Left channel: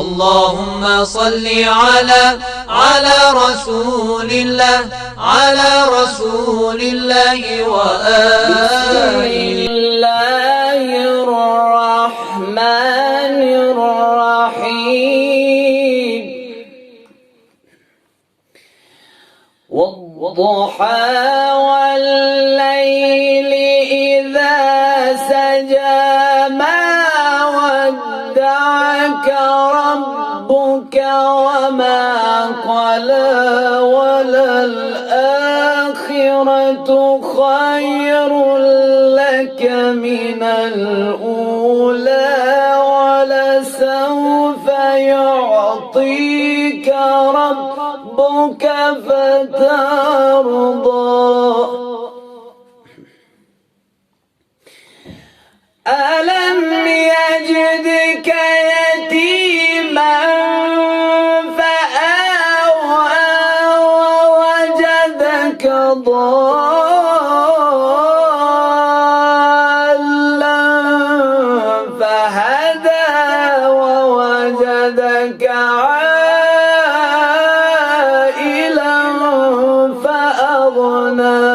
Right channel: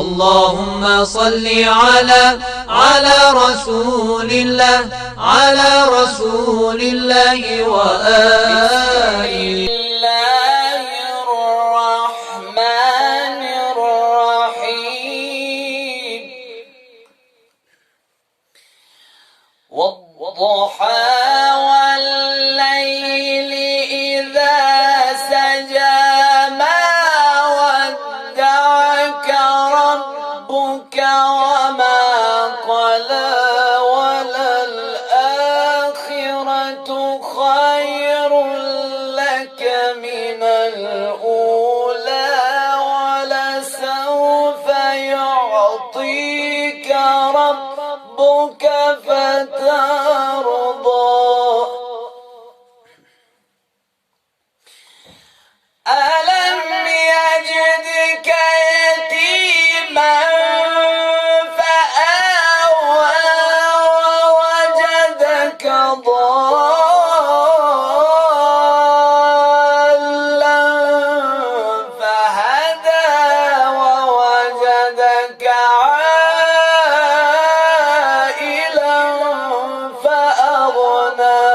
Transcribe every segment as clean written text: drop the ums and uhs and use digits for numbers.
اللهم صل على رسول الله، على رسول الله وآله. بسم الله الرحمن الرحيم. والضحى والليل إذا سجى ما ودعك ربك وما قلى، وللآخرة خير لك من الأولى، ولسوف يعطيك ربك فترضى. ألم يجدك يتيما فآوى، ووجدك ضالا فهدى، ووجدك عائلا فأغنى.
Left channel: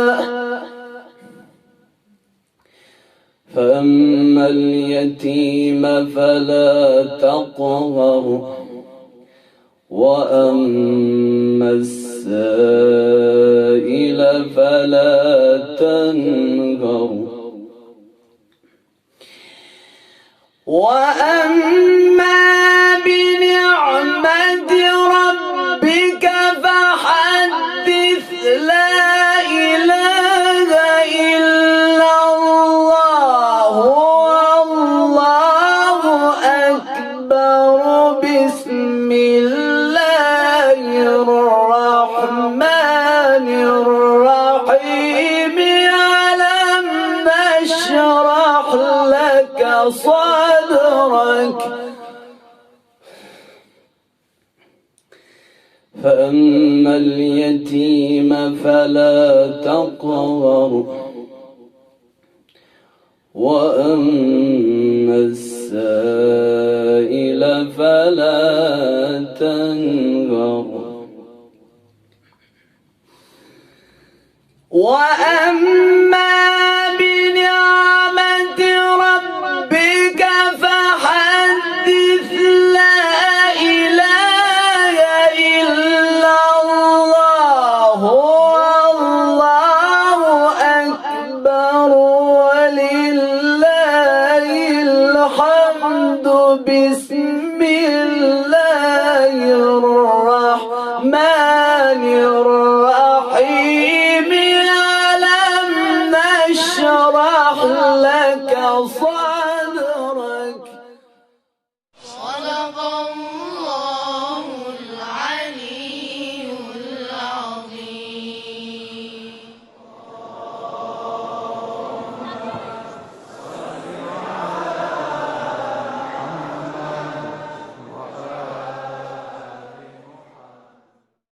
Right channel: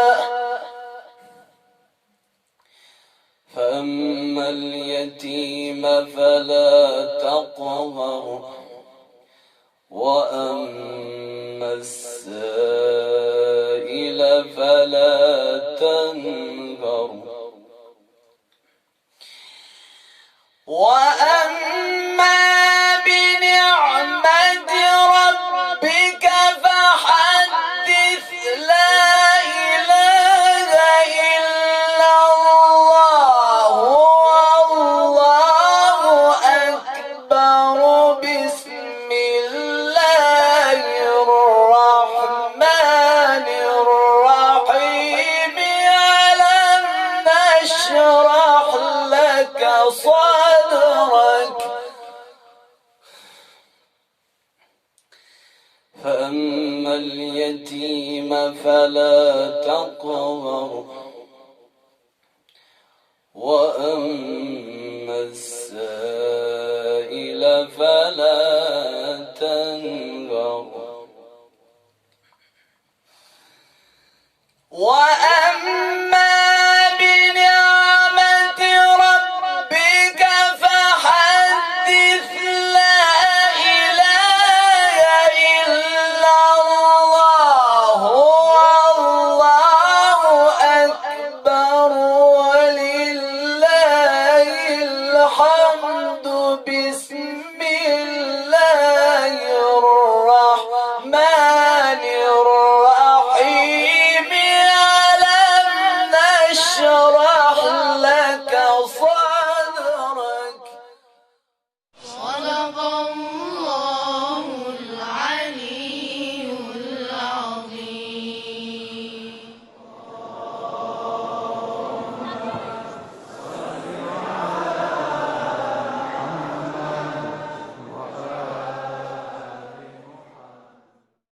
فأما اليتيم فلا تقهر، وأما السائل فلا تنهر، وأما بنعمة ربك فحدث. لا إله إلا الله، والله أكبر. بسم الله الرحمن الرحيم. ألم نشرح لك صدرك. فأما اليتيم فلا تقهر، وأما السائل فلا تنهر، وأما بنعمة ربك فحدث. لا إله إلا الله، والله أكبر، ولله الحمد. بسم الله